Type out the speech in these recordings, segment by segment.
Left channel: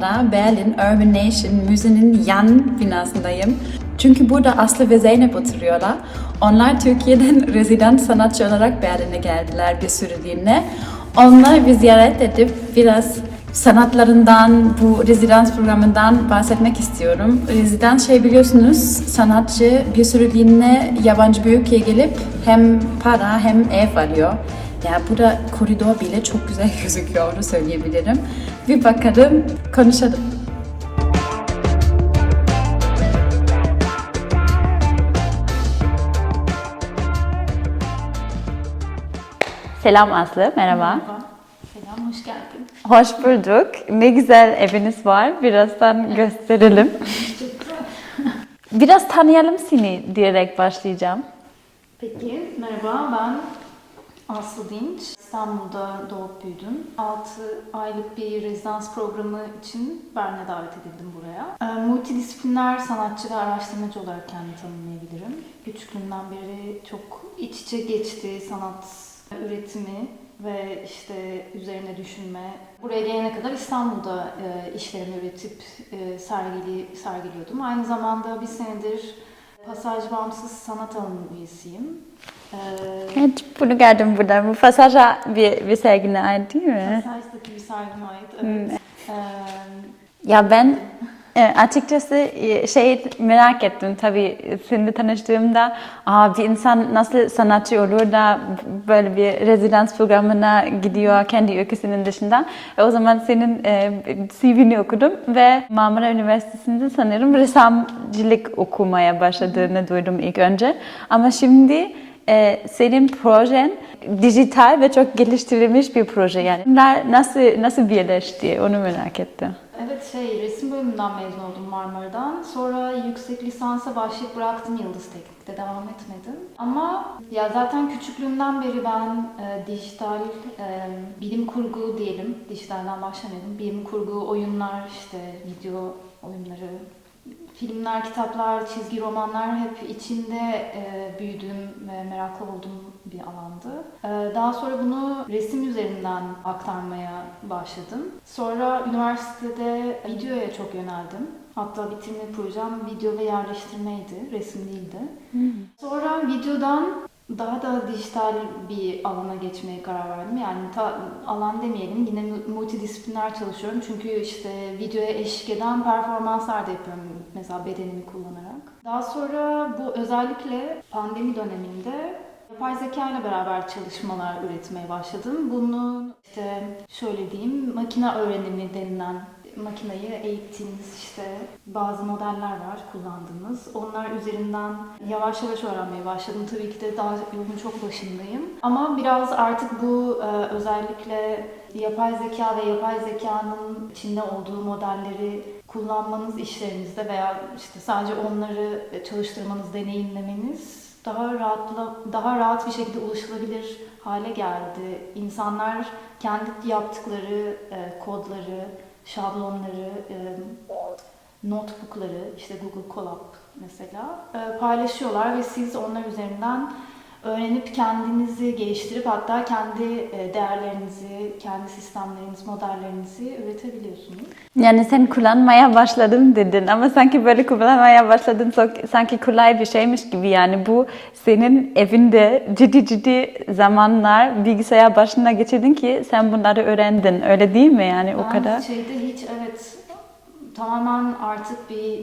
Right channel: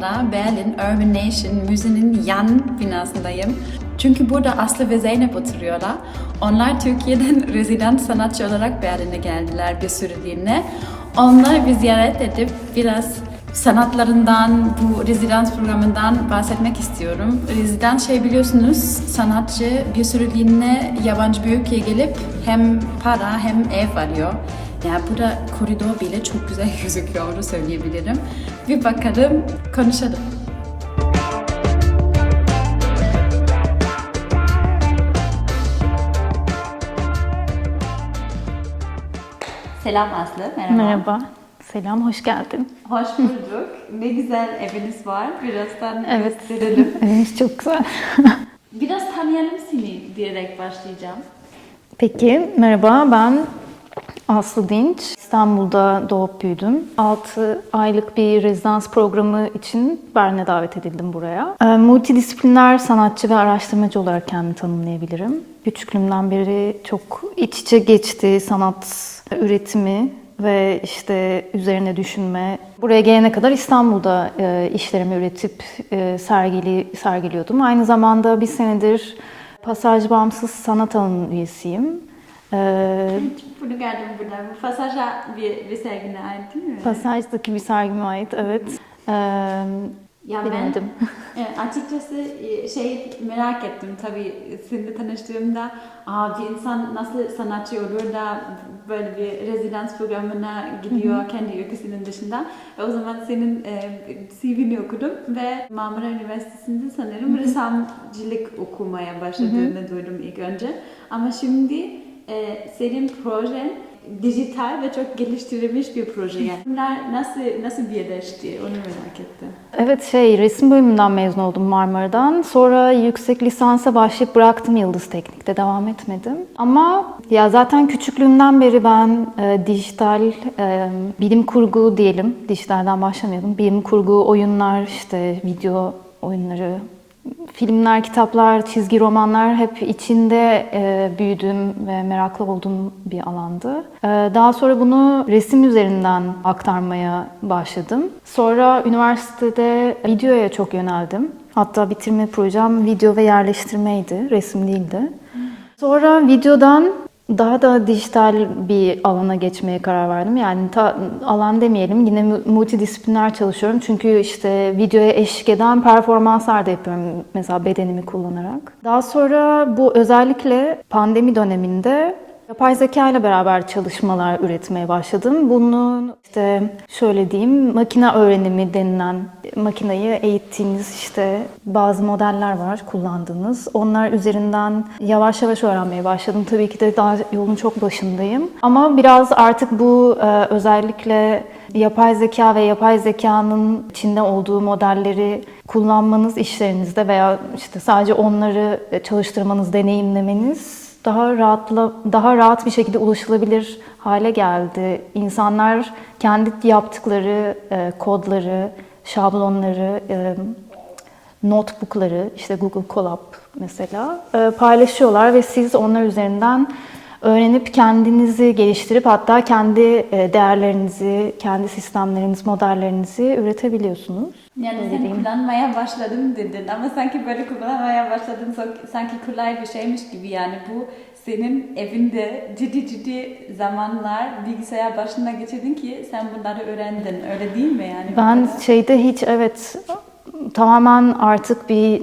Anda Berlin Urban Nation Müzenin yan binasındayım. Çünkü burada Aslı ve Zeynep oturuyorlar. Onlar Türkiye'den rezident sanatçı olarak Berlin'e geldiler bir süreliğine. Onları bir ziyaret edip biraz sanatlarından, bu rezidans programından bahsetmek istiyorum. Rezidans şey biliyorsunuz, sanatçı bir süreliğine yabancı bir ülkeye gelip hem para hem ev alıyor. Ya burada koridor bile çok güzel gözüküyor onu söyleyebilirim. Bir bakalım, konuşalım. Selam Aslı, merhaba. Merhaba. Selam, hoş geldin. Hoş bulduk. Ne güzel eviniz var. Birazdan gösterelim. Eviniz çok güzel. Biraz tanıyalım seni diyerek başlayacağım. Peki, merhaba. Ben Aslı Dinç. İstanbul'da doğup büyüdüm. 6 aylık bir rezidans programı için Berlin'e davet edildim buraya. Ee, Multidisipliner sanatçı ve araştırmacı olarak kendimi tanımlayabilirim. Küçüklüğümden beri çok iç içe geçti sanat üretimi ve işte üzerine düşünme. Buraya gelene kadar İstanbul'da e, işlerimi üretip e, sergili sergiliyordum. Aynı zamanda bir senedir Pasaj Bağımsız Sanat Alanı'nın üyesiyim. Evet, bunu gördüm burada. Bu pasaja bir, bir sergine ait değil mi? Pasajdaki bir sergime ait, evet. Ee, Ya ben e, açıkçası şey merak ettim tabii seninle tanıştığımda Aa, bir insan nasıl sanatçı olur da böyle bir rezidans programına gidiyor kendi ülkesinin dışında. E, o zaman senin e, CV'ni okudum ve Marmara Üniversitesi'nde sanırım ressamcılık okumaya başladığını duydum ilk önce. Ama şimdi e, senin projen dijital ve çok geliştirilmiş bir proje yani. Bunlar nasıl nasıl birleşti onu merak ettim. Evet şey resim bölümünden mezun oldum Marmara'dan. Sonra yüksek lisansa başlayıp bıraktım Yıldız Teknik'te devam etmedim. Ama ya zaten küçüklüğümden beri ben e, dijital e, bilim kurgu diyelim. Dijitalden başlamayalım. Bilim kurgu oyunlar işte video oyunları Filmler, kitaplar, çizgi romanlar hep içinde e, büyüdüğüm ve meraklı olduğum bir alandı. E, daha sonra bunu resim üzerinden aktarmaya başladım. Sonra üniversitede videoya çok yöneldim. Hatta bitirme projem video ve yerleştirmeydi, resim değildi. Sonra videodan daha da dijital bir alana geçmeye karar verdim. Yani ta, alan demeyelim yine mu- multidisipliner çalışıyorum. Çünkü işte videoya eşlik eden performanslar da yapıyorum mesela bedenimi kullanarak. Daha sonra bu özellikle pandemi döneminde Yapay zeka ile beraber çalışmalar üretmeye başladım. Bunun işte şöyle diyeyim makine öğrenimi denilen makineyi eğittiğiniz işte bazı modeller var kullandığınız. Onlar üzerinden yavaş yavaş öğrenmeye başladım. Tabii ki de daha yolun çok başındayım. Ama biraz artık bu e, özellikle yapay zeka ve yapay zekanın içinde olduğu modelleri kullanmanız işlerinizde veya işte sadece onları çalıştırmanız, deneyimlemeniz daha rahatla daha rahat bir şekilde ulaşılabilir hale geldi. İnsanlar kendi yaptıkları e, kodları, şablonları, e, notebookları, işte Google Colab mesela e, paylaşıyorlar ve siz onlar üzerinden öğrenip kendinizi geliştirip hatta kendi e, değerlerinizi, kendi sistemleriniz, modellerinizi üretebiliyorsunuz. Yani sen kullanmaya başladım dedin ama sanki böyle kullanmaya başladın sanki kolay bir şeymiş gibi yani bu senin evinde ciddi ciddi zamanlar bilgisayar başına geçirdin ki sen bunları öğrendin öyle değil mi yani o Ben kadar? şeyde hiç evet tamamen artık bir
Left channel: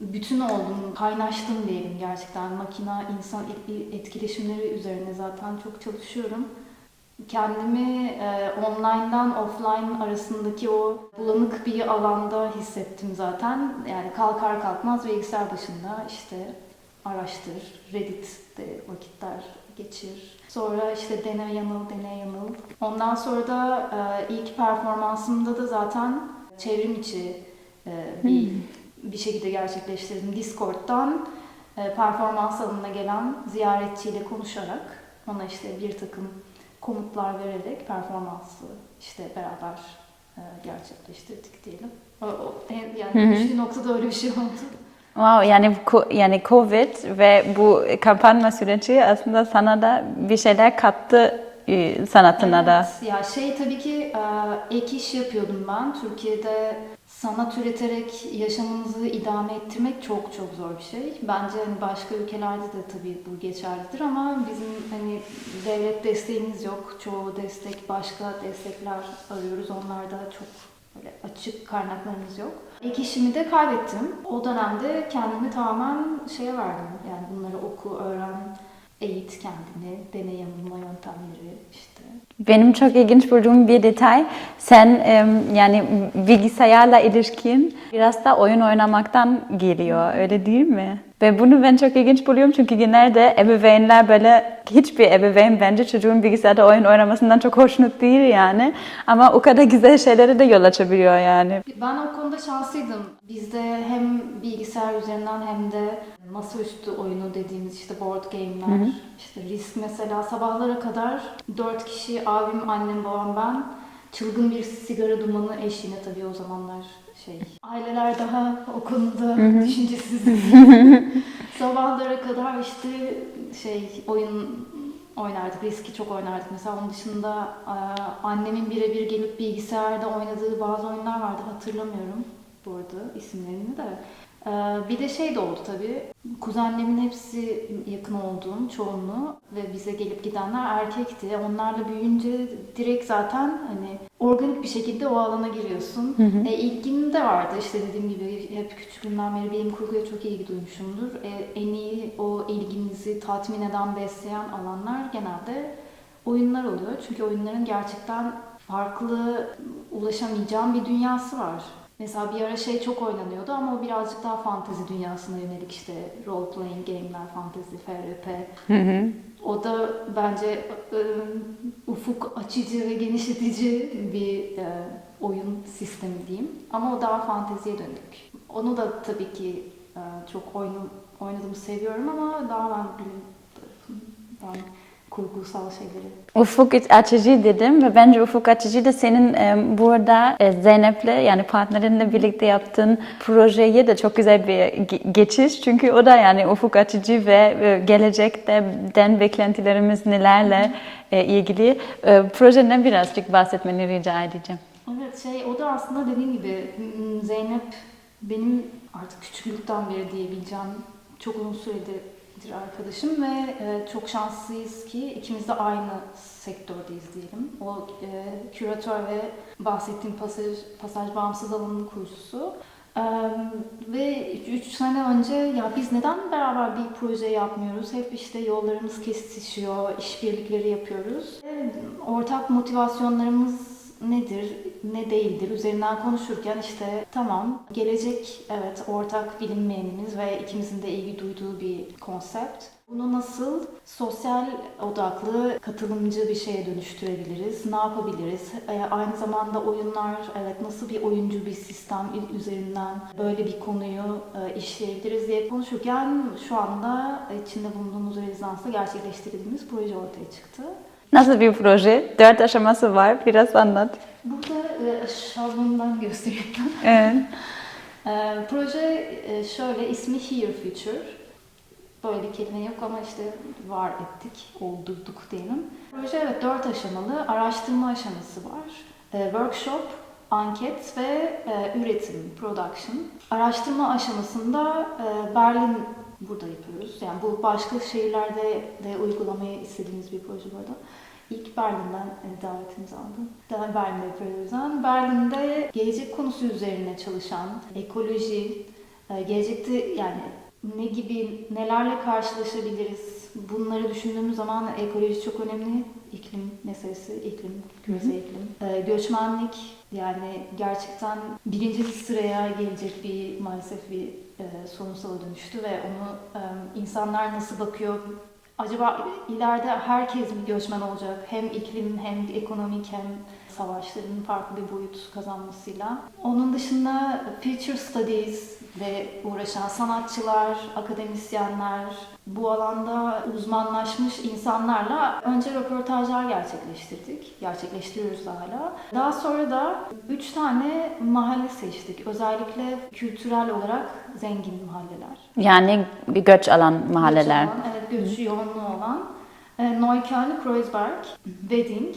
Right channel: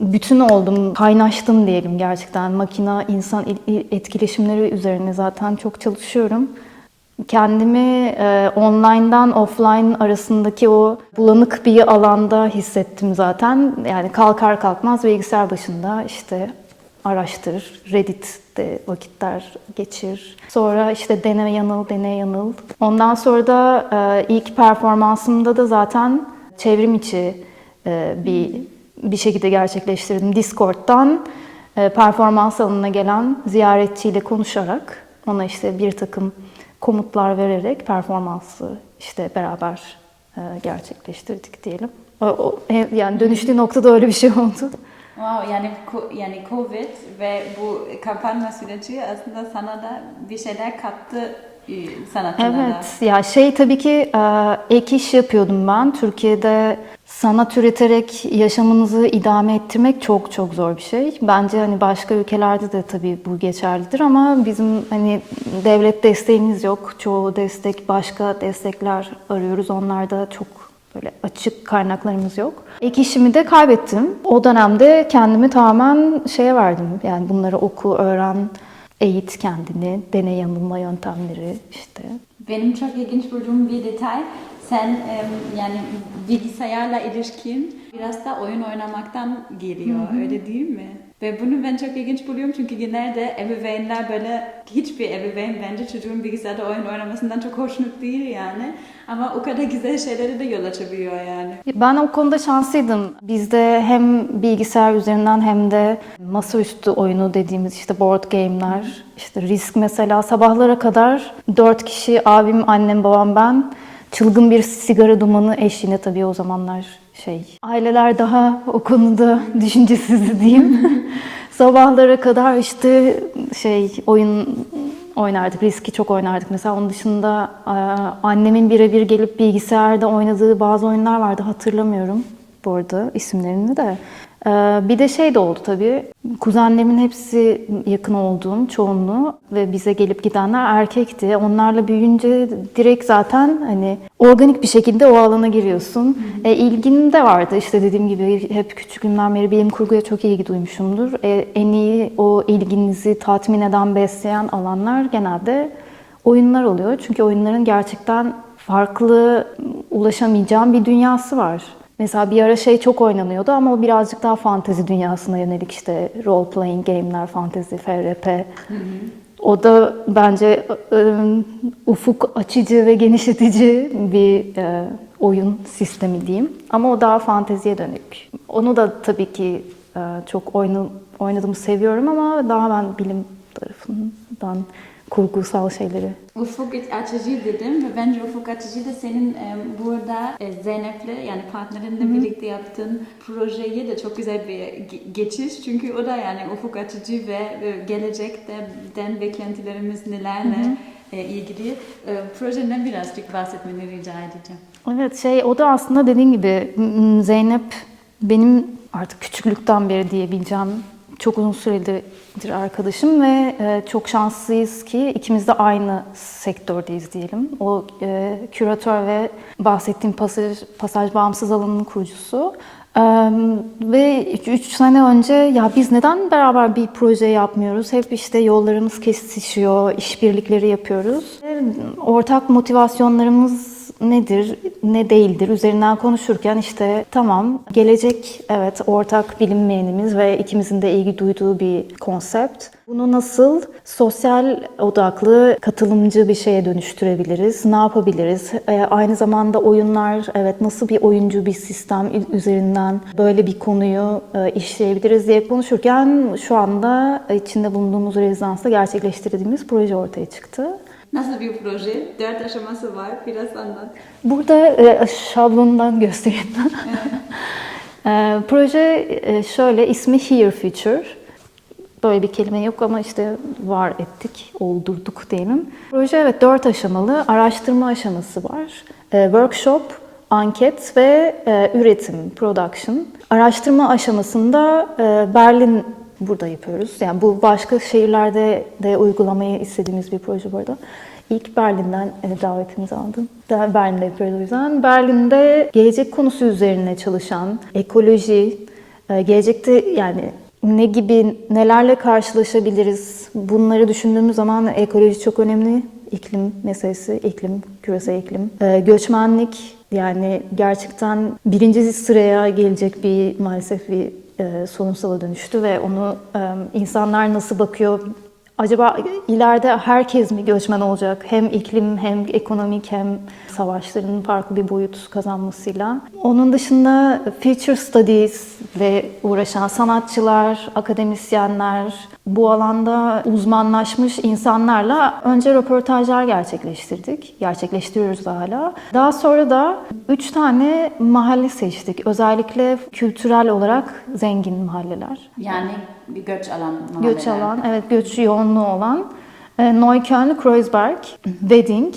bütün oldum, kaynaştım diyelim gerçekten. Makina, insan il- il- etkileşimleri üzerine zaten çok çalışıyorum. Kendimi e, online'dan offline arasındaki o bulanık bir alanda hissettim zaten. Yani kalkar kalkmaz bilgisayar başında işte araştır, Reddit'te vakitler geçir. Sonra işte dene yanıl, dene yanıl. Ondan sonra da e, ilk performansımda da zaten çevrim içi e, bir bir şekilde gerçekleştirdim. Discord'dan e, performans alanına gelen ziyaretçiyle konuşarak ona işte bir takım komutlar vererek performansı işte beraber e, gerçekleştirdik diyelim. O, o- he- yani dönüştüğü noktada öyle bir şey oldu. Wow yani yani Covid ve bu kapanma süreci aslında sana da bir şeyler kattı e, sanatına da. Evet, ya şey tabii ki e, ek iş yapıyordum ben. Türkiye'de sanat üreterek yaşamınızı idame ettirmek çok çok zor bir şey. Bence hani başka ülkelerde de tabii bu geçerlidir ama bizim hani devlet desteğimiz yok. Çoğu destek başka destekler arıyoruz. Onlarda çok böyle açık kaynaklarımız yok. Ek işimi de kaybettim. O dönemde kendimi tamamen şeye verdim. Yani bunları oku, öğren, eğit kendini, deney yanılma yöntemleri işte. Benim çok ilginç bulduğum bir detay, sen em, yani bilgisayarla ilişkin biraz da oyun oynamaktan geliyor, öyle değil mi? Ve bunu ben çok ilginç buluyorum çünkü genelde ebeveynler böyle, hiçbir ebeveyn bence çocuğun bilgisayarda oyun oynamasından çok hoşnut değil yani. Ama o kadar güzel şeylere de yol açabiliyor yani. Ben o konuda şanslıydım. Bizde hem bilgisayar üzerinden hem de masaüstü oyunu dediğimiz işte board game'ler, işte risk mesela sabahlara kadar dört kişi abim, annem, babam ben çılgın bir sigara dumanı eşliğinde tabii o zamanlar şey aileler daha o konuda düşüncesiz diyeyim. Sabahlara kadar işte şey oyun oynardık. Riski çok oynardık. Mesela onun dışında e, annemin birebir gelip bilgisayarda oynadığı bazı oyunlar vardı. Hatırlamıyorum bu arada isimlerini de. E, Bir de şey de oldu tabii. Kuzenlerimin hepsi yakın olduğum çoğunluğu ve bize gelip gidenler erkekti. Onlarla büyüyünce direkt zaten hani organik bir şekilde o alana giriyorsun. E, ilgin de vardı işte dediğim gibi hep küçüklüğümden beri bilim kurguya çok ilgi duymuşumdur. E, en iyi o ilginizi tatmin eden, besleyen alanlar genelde oyunlar oluyor. Çünkü oyunların gerçekten farklı ulaşamayacağım bir dünyası var. Mesela bir ara şey çok oynanıyordu ama o birazcık daha fantezi dünyasına yönelik işte role playing game'ler, fantezi, FRP. O da bence e, ufuk açıcı ve genişletici bir e, oyun sistemi diyeyim. Ama o daha fanteziye dönük. Onu da tabii ki e, çok oynadığımı seviyorum ama daha ben bilim tarafından kurgusal şeyleri Ufuk açıcı dedim ve bence ufuk açıcı da senin e, burada e, Zeynep'le yani partnerinle birlikte yaptığın projeye de çok güzel bir ge- geçiş. Çünkü o da yani ufuk açıcı ve e, gelecekte den beklentilerimiz nelerle ilgili. Projeden birazcık bahsetmeni rica edeceğim. Evet şey o da aslında dediğin gibi Zeynep benim artık küçüklükten beri diyebileceğim çok uzun süredir arkadaşım ve e, çok şanslıyız ki ikimiz de aynı sektördeyiz diyelim. O e, küratör ve bahsettiğim pasaj, pasaj bağımsız alanının kurucusu. Ee, ve 3 sene önce ya biz neden beraber bir proje yapmıyoruz? Hep işte yollarımız kesişiyor, işbirlikleri yapıyoruz. Ortak motivasyonlarımız nedir, ne değildir üzerinden konuşurken işte tamam gelecek evet ortak bilinmeyenimiz ve ikimizin de ilgi duyduğu bir konsept. Bunu nasıl sosyal odaklı, katılımcı bir şeye dönüştürebiliriz? Ne yapabiliriz? Ee, aynı zamanda oyunlar, evet nasıl bir oyuncu bir sistem üzerinden böyle bir konuyu e, işleyebiliriz diye konuşurken şu anda içinde bulunduğumuz rezidansta gerçekleştirdiğimiz proje ortaya çıktı. Nasıl bir proje? Dört aşaması var. Biraz anlat. Burada e, şablondan göstereyim. Evet. E, proje e, şöyle, ismi Here Future. Böyle bir kelime yok ama işte var ettik, oldurduk diyelim. Proje evet dört aşamalı, araştırma aşaması var. E, workshop, anket ve e, üretim, production. Araştırma aşamasında e, Berlin burada yapıyoruz. Yani bu başka şehirlerde de uygulamayı istediğimiz bir proje bu arada. İlk Berlin'den e, davetimizi aldım. Berlin'de yapıyoruz o yüzden. Berlin'de gelecek konusu üzerine çalışan ekoloji, e, gelecekte yani ne gibi nelerle karşılaşabiliriz? Bunları düşündüğümüz zaman ekoloji çok önemli. İklim meselesi, iklim, küresel iklim. E, göçmenlik yani gerçekten birinci sıraya gelecek bir maalesef bir e, sorunsala dönüştü ve onu e, insanlar nasıl bakıyor? Acaba ileride herkes mi göçmen olacak? Hem iklim hem ekonomik hem savaşların farklı bir boyut kazanmasıyla. Onun dışında future studies ile uğraşan sanatçılar, akademisyenler, bu alanda uzmanlaşmış insanlarla önce röportajlar gerçekleştirdik. Gerçekleştiriyoruz da hala. Daha sonra da üç tane mahalle seçtik. Özellikle kültürel olarak zengin mahalleler. Yani göç alan mahalleler. Göç alan, evet göç yoğunluğu olan E, Neukölln, Kreuzberg, Wedding.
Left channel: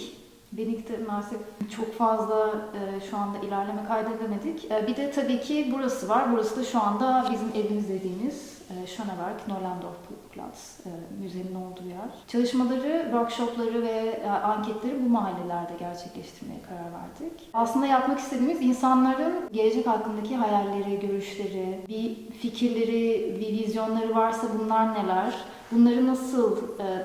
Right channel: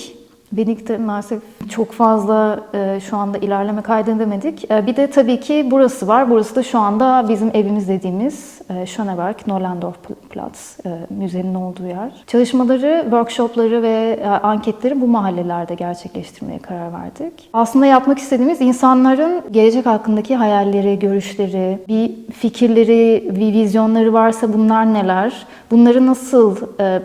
Wedding'de maalesef çok fazla e, şu anda ilerleme kaydedemedik. E, bir de tabii ki burası var. Burası da şu anda bizim evimiz dediğimiz Schöneberg, Nollendorf Platz, e, müzenin olduğu yer. Çalışmaları, workshopları ve e, anketleri bu mahallelerde gerçekleştirmeye karar verdik. Aslında yapmak istediğimiz insanların gelecek hakkındaki hayalleri, görüşleri, bir fikirleri, bir vizyonları varsa bunlar neler? Bunları nasıl e,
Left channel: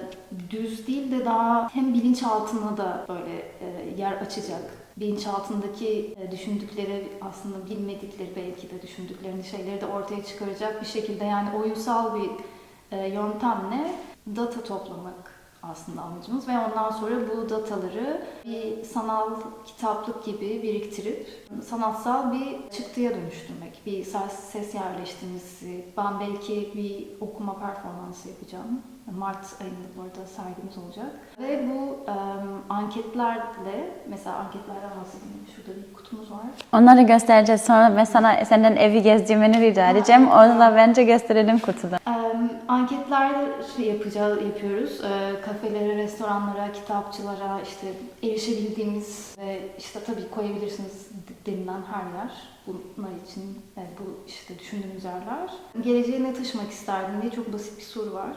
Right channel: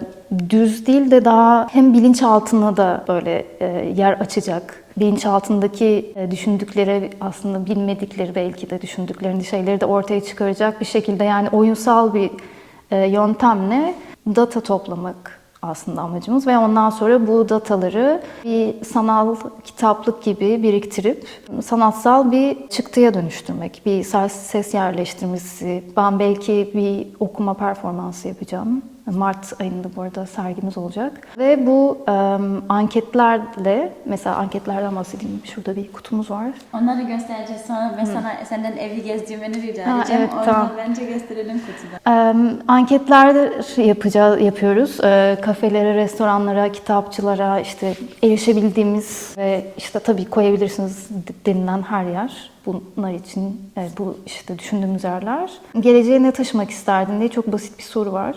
düz değil de daha hem bilinçaltına da böyle e, yer açacak, bilinçaltındaki e, düşündükleri aslında bilmedikleri belki de düşündüklerini şeyleri de ortaya çıkaracak bir şekilde yani oyunsal bir e, yöntemle data toplamak aslında amacımız ve ondan sonra bu dataları bir sanal kitaplık gibi biriktirip sanatsal bir çıktıya dönüştürmek. Bir ses yerleştirmesi, ben belki bir okuma performansı yapacağım. Mart ayında bu arada sergimiz olacak. Ve bu em, anketlerle, mesela anketlerden bahsedeyim. Şurada bir kutumuz var. Onları göstereceğiz sonra ve sana senden evi gezdirmeni rica Ha, edeceğim. evet, o yüzden tamam. bence gösterelim kutuda. Em, Anketler yapacağız, yapıyoruz. E, Kafelere, restoranlara, kitapçılara işte erişebildiğimiz ve işte tabii koyabilirsiniz denilen her yer. Bunlar için e, bu işte düşündüğümüz yerler. Geleceğe ne taşımak isterdin diye çok basit bir soru var.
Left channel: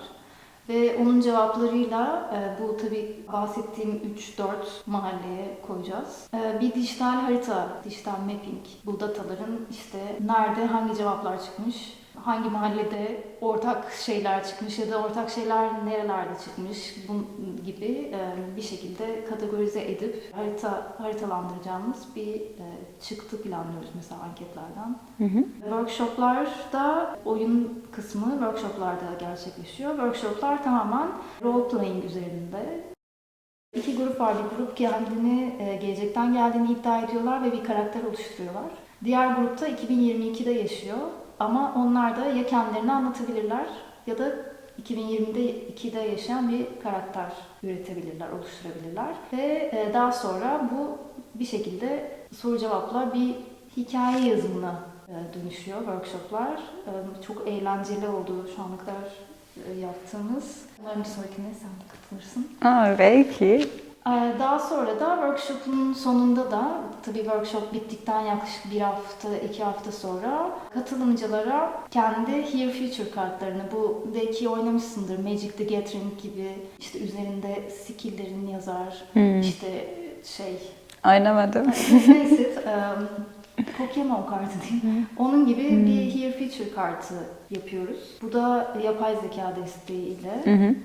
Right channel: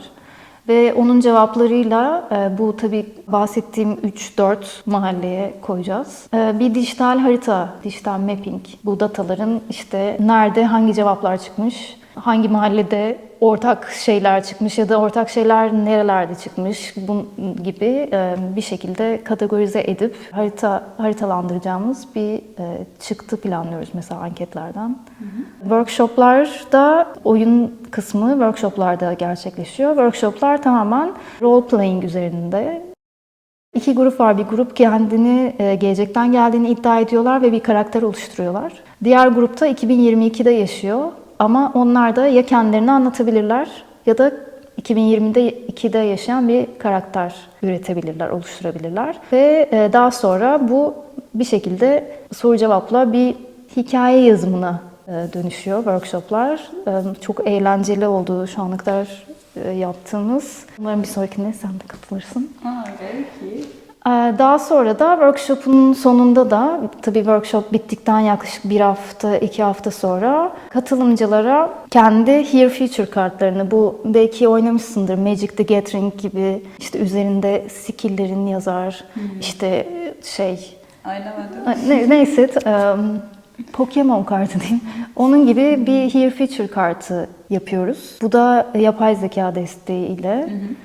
Ve onun cevaplarıyla e, bu tabii bahsettiğim 3-4 mahalleye koyacağız. E, Bir dijital harita, dijital mapping. Bu dataların işte nerede hangi cevaplar çıkmış, hangi mahallede ortak şeyler çıkmış ya da ortak şeyler nerelerde çıkmış bu gibi bir şekilde kategorize edip harita haritalandıracağımız bir çıktı planlıyoruz mesela anketlerden. Workshoplarda oyun kısmı workshoplarda gerçekleşiyor. Workshoplar tamamen role playing üzerinde. İki grup var. Bir grup kendini gelecekten geldiğini iddia ediyorlar ve bir karakter oluşturuyorlar. Diğer grupta 2022'de yaşıyor ama onlar da ya kendilerini anlatabilirler ya da 2020'de 2'de yaşayan bir karakter üretebilirler, oluşturabilirler. Ve e, daha sonra bu bir şekilde soru cevapla bir hikaye yazımına e, dönüşüyor workshoplar. E, Çok eğlenceli oldu şu ana kadar yaptığımız. Umarım bir sonrakine sen de katılırsın. Aa, belki. Ee, Daha sonra da workshop'un sonunda da tabii workshop bittikten yaklaşık bir hafta, iki hafta sonra katılımcılara kendi Here Future kartlarını bu belki oynamışsındır Magic the Gathering gibi işte üzerinde skill'lerin yazar işte şey Oynamadım. ne- neyse em, Pokemon kartı diyeyim. Onun gibi bir Here Future kartı yapıyoruz. Bu da yapay zeka desteğiyle em,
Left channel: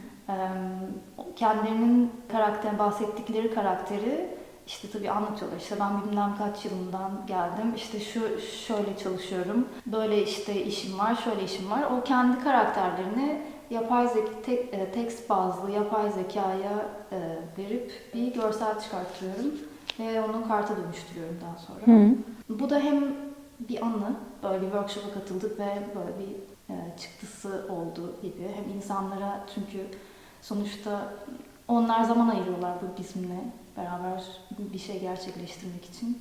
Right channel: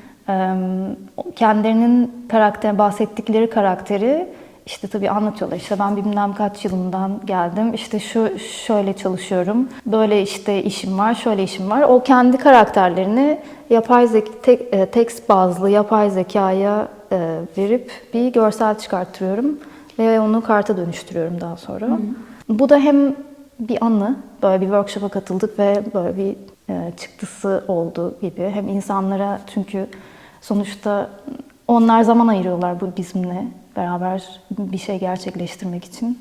kendilerinin karakter bahsettikleri karakteri işte tabii anlatıyorlar. İşte ben bilmem kaç yılından geldim. İşte şu şöyle çalışıyorum. Böyle işte işim var, şöyle işim var. O kendi karakterlerini yapay zeka tek, e, tekst bazlı yapay zekaya e, verip bir görsel çıkarttırıyorum ve onu karta dönüştürüyorum daha sonra. Bu da hem bir anı, böyle bir workshop'a katıldık ve böyle bir e, çıktısı oldu gibi. Hem insanlara çünkü sonuçta onlar zaman ayırıyorlar bu bizimle beraber bir şey gerçekleştirmek için.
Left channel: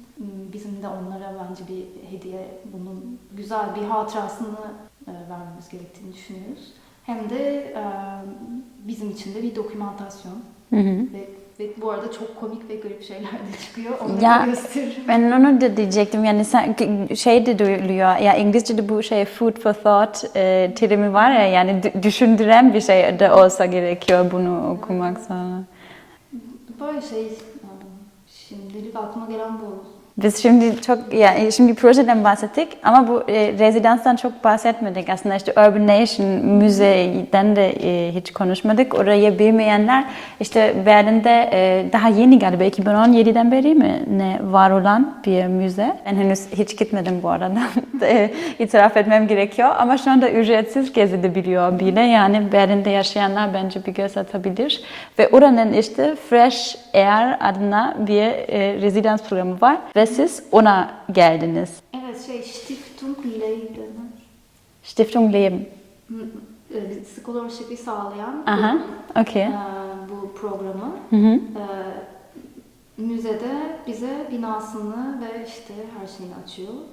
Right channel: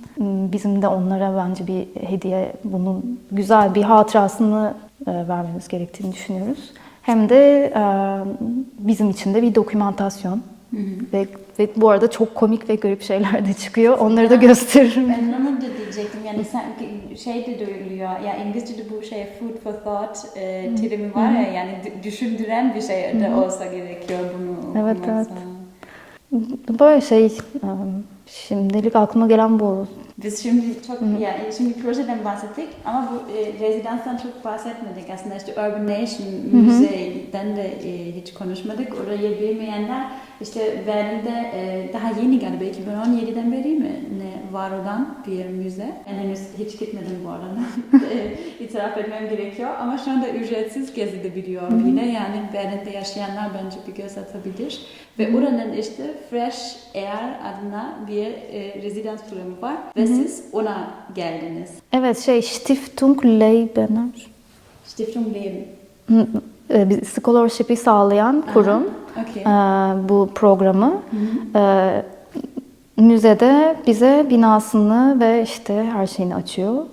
Bizim de onlara bence bir hediye, bunun güzel bir hatırasını e, vermemiz gerektiğini düşünüyoruz. Hem de e, bizim için de bir dokümantasyon. Ve, ve bu arada çok komik ve garip şeyler de çıkıyor. Onları da Ya, gösteririm. Ben onu da diyecektim yani sen, şey de duyuluyor ya İngilizce'de bu şey food for thought e, terimi var ya yani dü- düşündüren bir şey de olsa gerekiyor bunu okumak evet. sonra. Böyle şey, e, şimdilik aklıma gelen bu. Biz şimdi çok ya şimdi projeden bahsettik ama bu e, rezidanstan çok bahsetmedik aslında işte Urban Nation müzeden de e, hiç konuşmadık. Orayı bilmeyenler işte Berlin'de e, daha yeni galiba 2017'den beri mi ne var olan bir müze. Ben henüz hiç gitmedim bu arada. e, itiraf etmem gerekiyor ama şu anda ücretsiz gezilebiliyor bile. Yani Berlin'de yaşayanlar bence bir göz atabilir. Ve oranın işte Fresh Air adına bir e, rezidans programı var ve siz ona geldiniz. Evet şey Stiftung Leibener. Stiftung Leben. Hı, e, scholarship'i sağlayan kurum Okey. e, bu programı. E, müzede bize binasını ve işte her şeyini açıyor.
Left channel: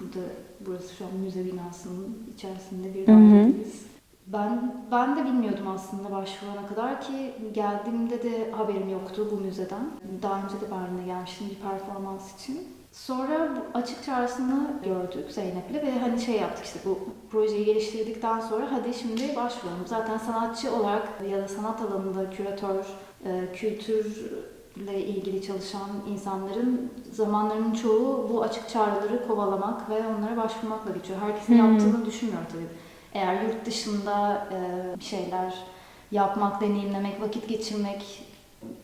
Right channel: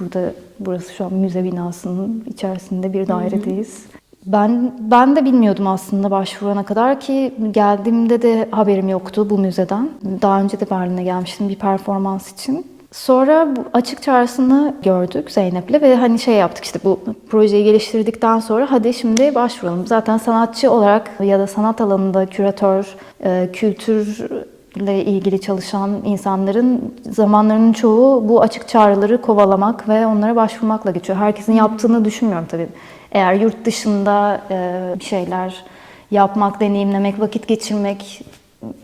Burada burası şu an müze binasının içerisinde bir dairedeyiz. Ben ben de bilmiyordum aslında başvurana kadar ki geldiğimde de haberim yoktu bu müzeden. Daha önce de Berlin'e gelmiştim bir performans için. Sonra bu açık çağrısını gördük Zeynep'le ve hani şey yaptık işte bu projeyi geliştirdikten sonra hadi şimdi başvuralım. Zaten sanatçı olarak ya da sanat alanında küratör, e, kültürle ilgili çalışan insanların zamanlarının çoğu bu açık çağrıları kovalamak ve onlara başvurmakla geçiyor. Herkesin yaptığını düşünmüyorum tabii. Eğer yurt dışında e, bir şeyler yapmak, deneyimlemek, vakit geçirmek,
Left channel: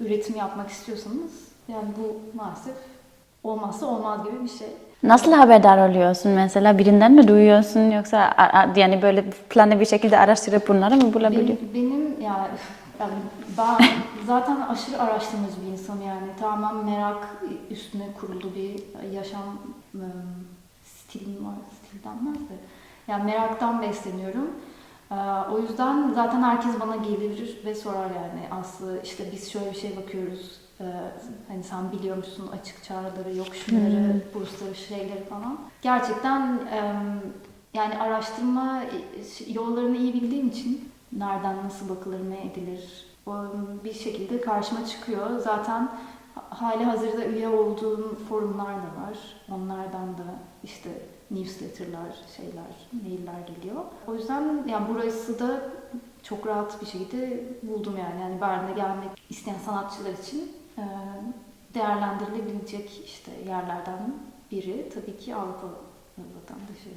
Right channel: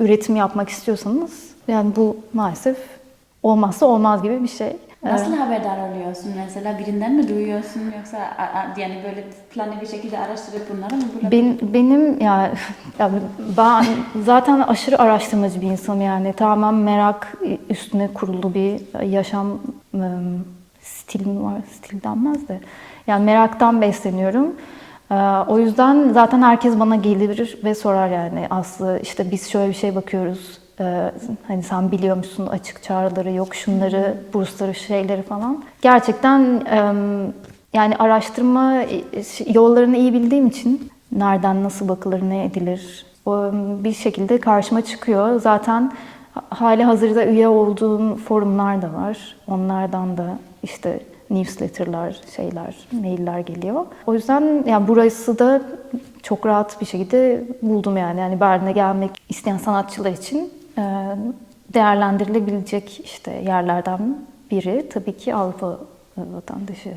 üretim yapmak istiyorsanız yani bu maalesef olmazsa olmaz gibi bir şey. Nasıl haberdar oluyorsun mesela? Birinden mi duyuyorsun yoksa yani böyle planlı bir şekilde araştırıp bunları mı bulabiliyorsun? Ben, benim ya, ya ben zaten aşırı araştırmacı bir insanım yani tamamen merak üstüne kurulu bir yaşam ım, stilim var. Stil denmez de. Yani meraktan besleniyorum. Ee, O yüzden zaten herkes bana gelir ve sorar yani Aslı işte biz şöyle bir şey bakıyoruz. Ee, Hani sen biliyor musun açık çağrıları yok şunları, bursları şeyleri falan. Gerçekten yani araştırma e, yollarını iyi bildiğim için nereden nasıl bakılır, ne edilir bir şekilde karşıma çıkıyor. Zaten hali hazırda üye olduğum forumlar da var. Onlardan da işte newsletter'lar, şeyler, mailler geliyor. O yüzden yani burası da çok rahat bir şekilde buldum yani. Yani Berlin'e gelmek isteyen sanatçılar için e, değerlendirilebilecek işte yerlerden biri tabii ki Avrupa vatandaşı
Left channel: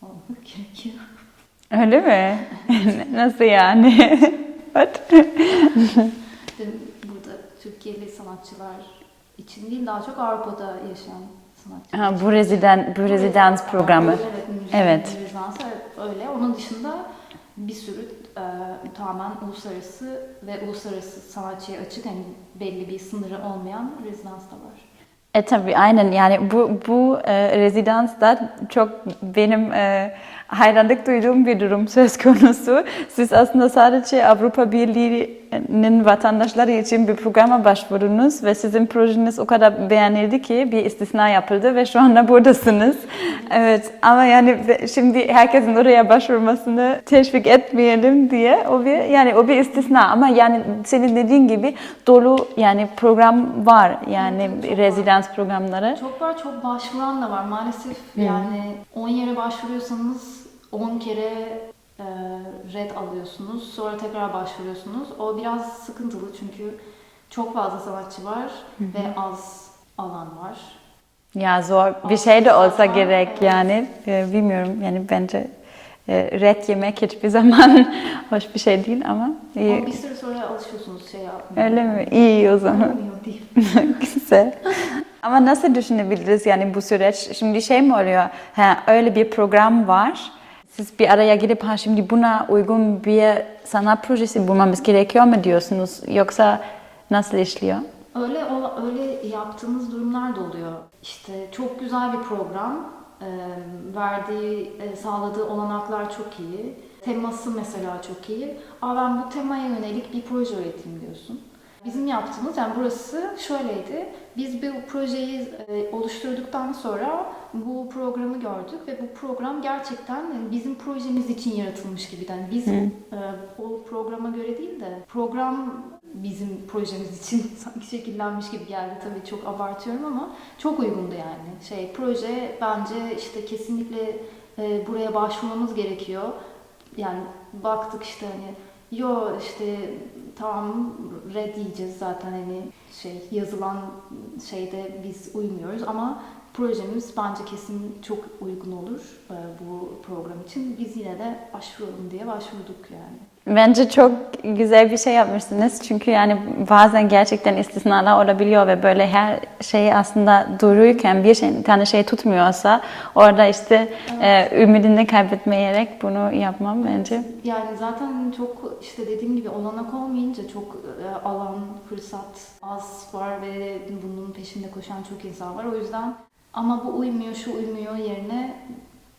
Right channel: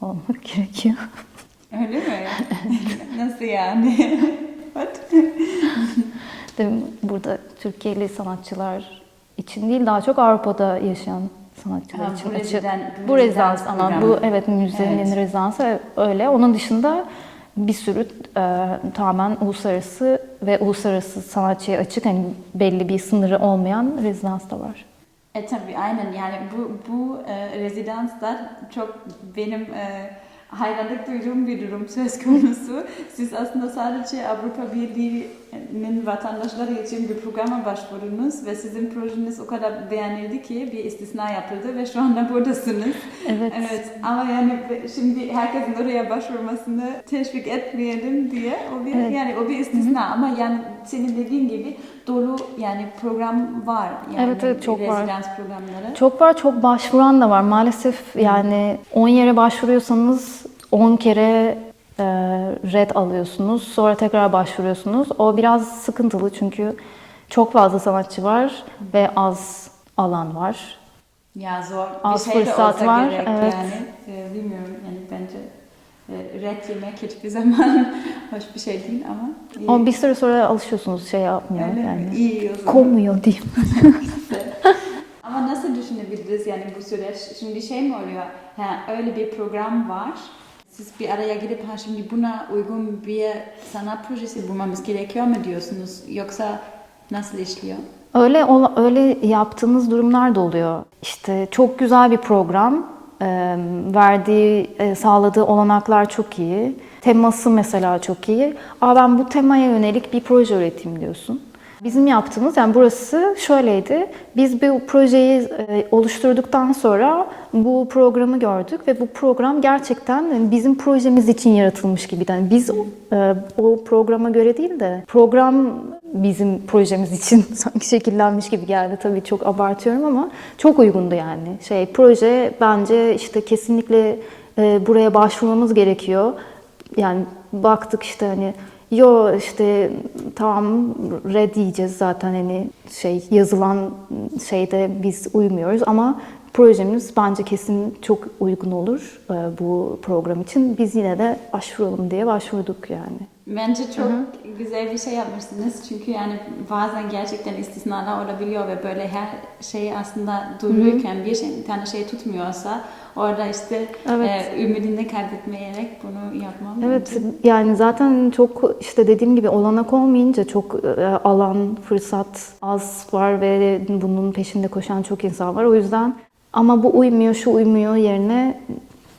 olmak gerekiyor. Öyle mi? Nasıl yani? Burada Türkiye'li sanatçılar için değil daha çok Avrupa'da yaşayan sanatçılar Ha, bu reziden bu rezidans ama programı. Bu, evet müziğin Evet. rezidansı öyle. Onun dışında bir sürü e, tamamen uluslararası ve uluslararası sanatçıya açık hani belli bir sınırı olmayan rezidans da var. E tabii aynen. Yani bu bu e, rezidans da çok benim e, hayranlık duyduğum bir durum söz konusu. Siz aslında sadece Avrupa Birliği'nin vatandaşları için bir programa başvurdunuz ve sizin projeniz o kadar beğenildi ki bir istisna yapıldı ve şu anda buradasınız. Evet, ama yani şimdi herkesin oraya başvurmasını teşvik etmeyelim diye o bir yani o bir istisna. Ama yani senin dediğin gibi dolu yani program var. Yani Evet, evet, çok rezidans programları. Çok var, çok başvuran da var. Maalesef yani 10 yere başvuruyorsanız 10 kere e, red alıyorsunuz. Sonra tekrar başvuruyorsunuz. O biraz sıkıntılı çünkü çok fazla sanatçı var ve az alan var. Ya zor bir Az şey de olsa var, gerek evet. yani Ee, bilmiyorum yani bence e, red yemek hiçbir zaman hoş bir şey değil ama iyi. Ama bir süre sonra alışıyorsunuz şey yapmıyor. öyle yani. mi? İyi o zaman. Komuyor diyeyim. Güzel. Ama nasıl düşünebiliriz yani bu süreç? Şimdi şey mi oluyor? Ha, öyle bir program var. Siz bir araya gelip ha şimdi buna uygun bir sanat projesi bulmamız gerekiyor mu diyorsunuz? Yoksa nasıl işliyor? Öyle öyle yaptığımız durumlar da oluyor. İşte çok güzel bir program. verdiği, e, sağladığı olanaklar çok iyi. Teması mesela çok iyi. Aa ben bu temaya yönelik bir proje üreteyim diyorsun. Bizim yaptığımız yani burası şöyleydi. Biz bu projeyi e, oluşturduktan sonra bu programı gördük ve bu program gerçekten yani bizim projemiz için yaratılmış gibi. Yani biz e, o programa göre değil de program bizim projemiz için sanki şekillenmiş gibi geldi. Tabii çok abartıyorum ama çok uygundu yani. Şey proje bence işte kesinlikle e, buraya başvurmamız gerekiyor. Yani baktık işte hani yo işte tamam red diyeceğiz zaten hani şey yazılan şeyde biz uymuyoruz ama projemiz bence kesin çok uygun olur e, bu program için. Biz yine de başvuralım diye başvurduk yani. Bence çok güzel bir şey yapmışsınız. Çünkü yani bazen gerçekten istisnalar olabiliyor ve böyle her şey aslında dururken bir şey, bir tane şey tutmuyorsa orada işte Evet. e, ümidini kaybetmeyerek bunu yapmam Evet, bence. yani zaten çok işte dediğim gibi olanak olmayınca çok e, alan, fırsat az var ve bunun peşinde koşan çok insan var. O yüzden ama bu uymuyor, şu uymuyor yerine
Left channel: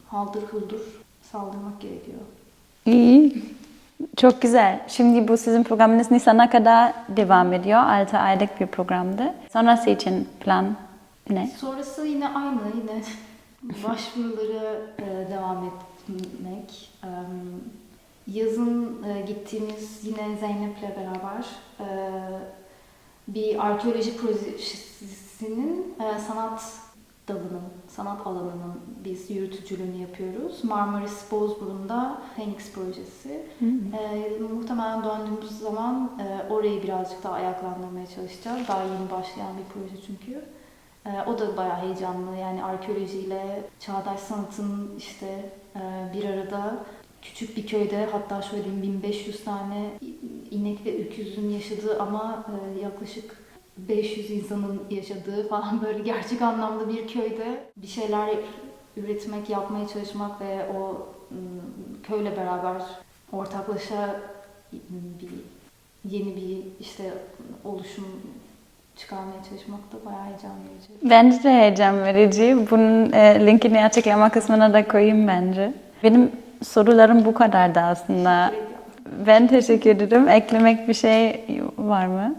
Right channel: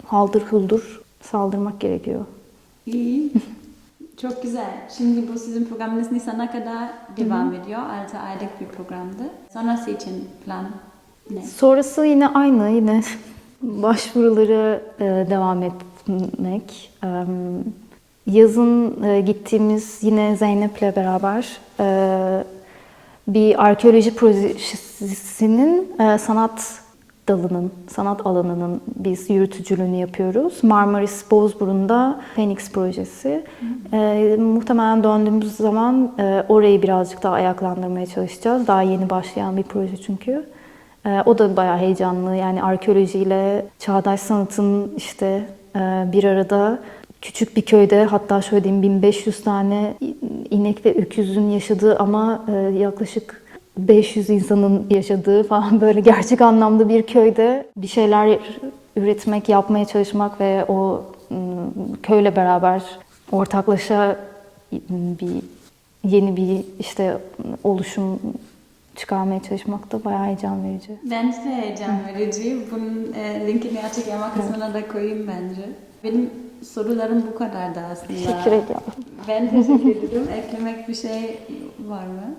haldır huldur saldırmak gerekiyor. İyi. Çok güzel. Şimdi bu sizin programınız Nisan'a kadar devam ediyor. 6 aylık bir programdı. Sonrası için plan ne? Sonrası yine aynı, yine başvuruları e, devam etmek. Yazın e, gittiğimiz yine Zeynep'le beraber e, bir arkeoloji projesinin sanat dalının, sanat alanının biz yürütücülüğünü yapıyoruz. Marmaris Bozburun'da Phoenix projesi. E, muhtemelen döndüğümüz zaman e, orayı birazcık daha ayaklandırmaya çalışacağız. Daha yeni başlayan bir proje çünkü. E, o da bayağı heyecanlı. Yani arkeolojiyle çağdaş sanatın işte e, bir arada küçük bir köyde hatta şöyle diyeyim 1500 tane inek ve öküzün yaşadığı ama e, yaklaşık 500 insanın yaşadığı falan böyle gerçek anlamda bir köyde bir şeyler üretmek, yapmaya çalışmak ve o ım, köyle beraber ortaklaşa bir yeni bir işte oluşum çıkarmaya çalışmak da bayağı heyecan verici. Bence de heyecan verici. Bunun e, linkini açıklama kısmına da koyayım bence. Benim sorularım bu kadardı aslında. Teşekkür ediyorum. Ben teşekkür ederim. Eklemek bir şey var mı?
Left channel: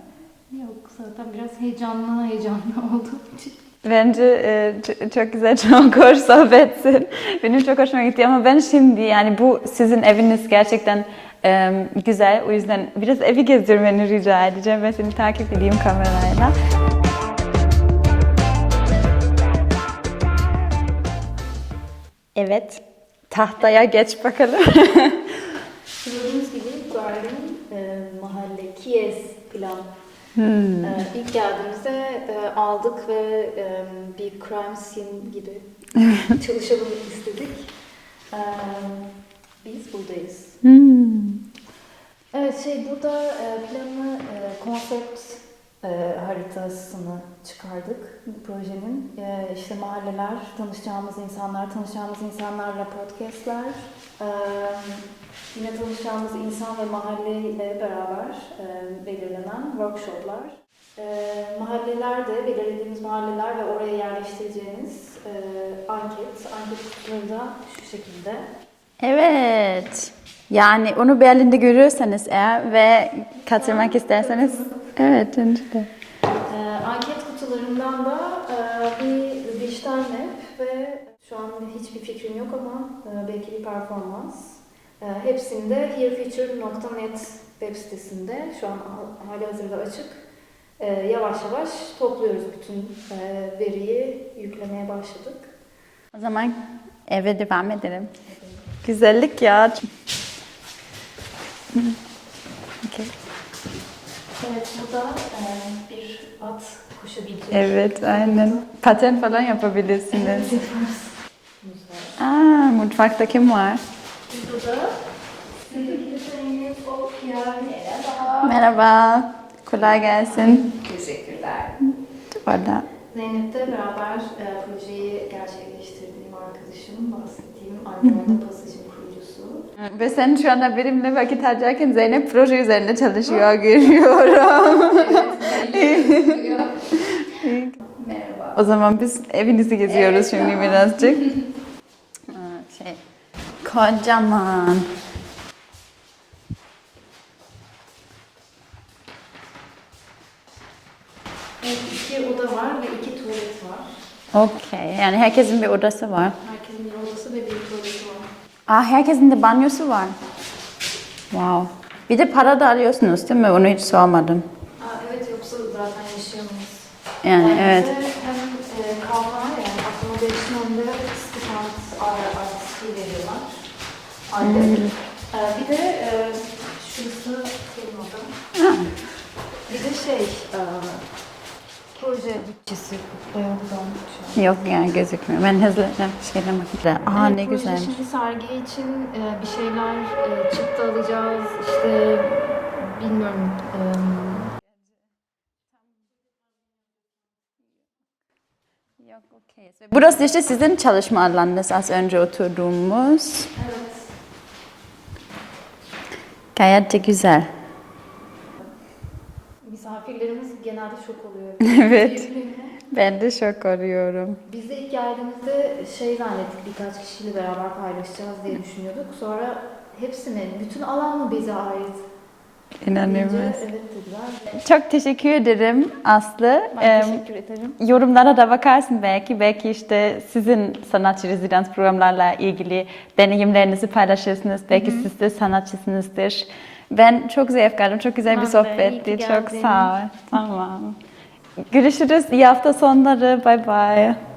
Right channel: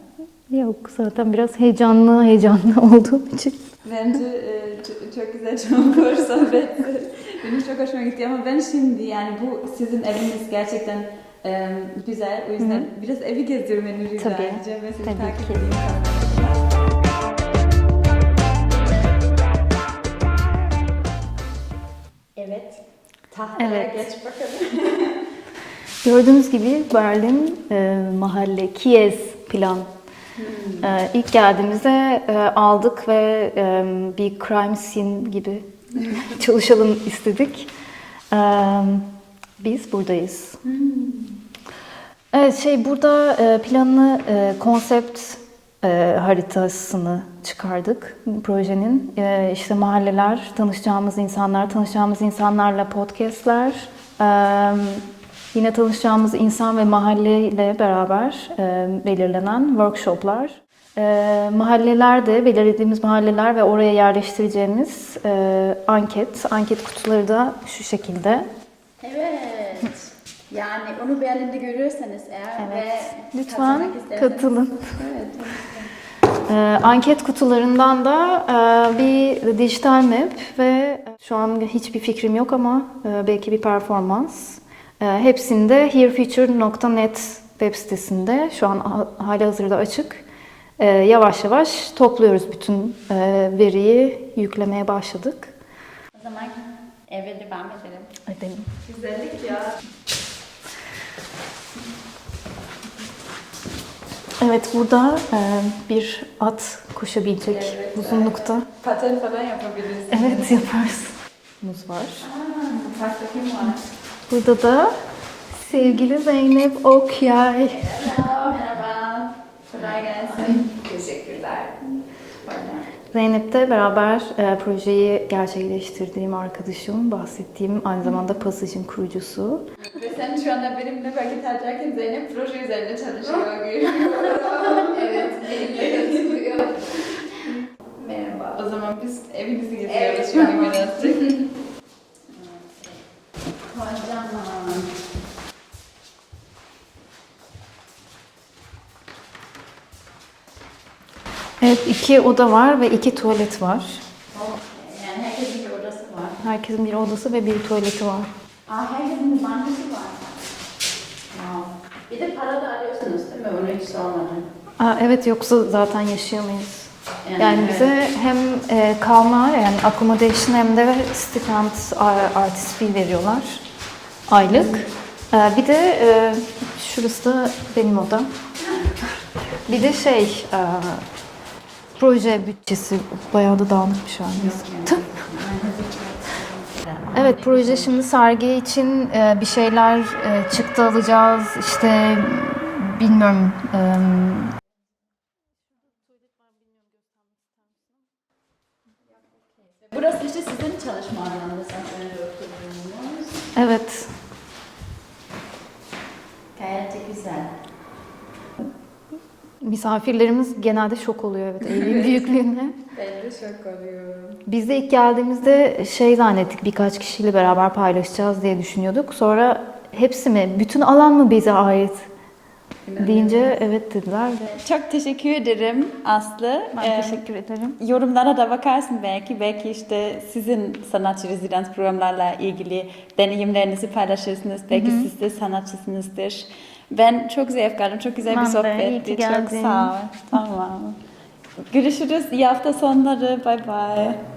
Yok zaten biraz heyecanlı heyecanlı olduğum için. Bence e, çok güzel, çok hoş sohbetsin. Benim çok hoşuma gitti ama ben şimdi yani bu sizin eviniz gerçekten e, güzel. O yüzden biraz evi gezdirmeni rica Tabii. edeceğim. Ben seni Tabii takip ki. edeyim kamerayla. Evet. Tahtaya Evet. geç bakalım. Gördüğünüz gibi Berlin e, mahalle Kies plan. E, ilk geldiğimizde e, aldık ve e, bir crime scene gibi çalışalım istedik. E, biz buradayız. Evet şey burada e, planını e, konsept haritasını çıkardık projenin. İşte mahalleler, tanışacağımız insanlar, tanışacağımız insanlarla podcastler, e, yine tanışacağımız insan ve mahalleyle beraber e, belirlenen workshoplar. E, mahallelerde, belirlediğimiz mahalleler ve oraya yerleştireceğimiz e, anket, anket kutuları da şu şekilde. Evet. Yani onu Berlin'de görüyorsanız eğer ve Lütfen katılmak isterseniz. katılın. Evet. işte. Ee, anket kutularından da e, bir dijital map ve şu an hiçbir fikrim yok ama e, belki bir performans. E, hepsinde herefuture.net web sitesinde şu an ha- hali hazırda açık. E, yavaş yavaş topluyoruz bütün e, veriyi yüklemeye başladık. O zaman eve devam edelim. Edelim. Güzellik ya. Evet burada e, bir at koşabilecek Evet, uzunlukta. aynen. Paten falan yapabilirsiniz. Evet yaparız. Muz var. Aa, mutfakta kim var? Burada da sevgili Zeynep Okyay. Merhaba. Kolay gelsin. Teşekkürler. Orada. Zeynep'le beraber e, projeyi gerçekleştirdiğim arkadaşım, bahsettiğim aynı zamanda pasajın kurucusu. Ve sen şu anda benimle vakit harcarken Zeynep proje üzerinde çalışıyor görüyorum. Merhaba. O zaman biz evinizi geziyoruz şimdi birazcık. Kocaman. Evet, iki oda var ve iki tuvalet var. Okey. Yani herkesin bir odası var. Herkesin bir odası ve bir tuvaleti var. Aa, herkesin de banyosu var. Wow. Bir de para da alıyorsunuz değil mi? Onu hiç sormadım. Aa, evet, yoksa zaten yaşayamayız. Yani, Yani, evet. bize hem e, kalma yani accommodation hem de stipend ar- artist fee veriyorlar aylık. E, bir de e, şurası da benim odam. Bir de şey e, proje bütçesi bayağı da dağılmış şu an. Yok yani gözükmüyor. Ben hızlı söylemek üzere. Aa, Evet proje güzel. şimdi sergi için e, bir şeyler e, çıktı alacağız işte bilmiyorum e, Burası işte sizin çalışma alanınız az önce oturduğumuz. evet Gayet de güzel. misafirlerimiz genelde şok oluyor evet, Evet. büyüklüğüne. Ben de şok oluyorum. Biz de ilk geldiğimizde şey zannettik birkaç kişiyle beraber paylaşacağız diye düşünüyorduk. Sonra hepsi mi? Bütün alan mı bize ait? Deyince evet dediler ve Çok teşekkür ederim Aslı. ben Em, teşekkür ederim. Yorumlara da bakarsın belki. Belki işte sizin sanatçı rezidans programlarla ilgili deneyimlerinizi paylaşırsınız. Belki siz de sanatçısınızdır. Ben çok zevk aldım. Çok güzel Ben bir sohbetti. Çok sağ ol. Tamam. Görüşürüz. İyi hafta sonları. Bye bye.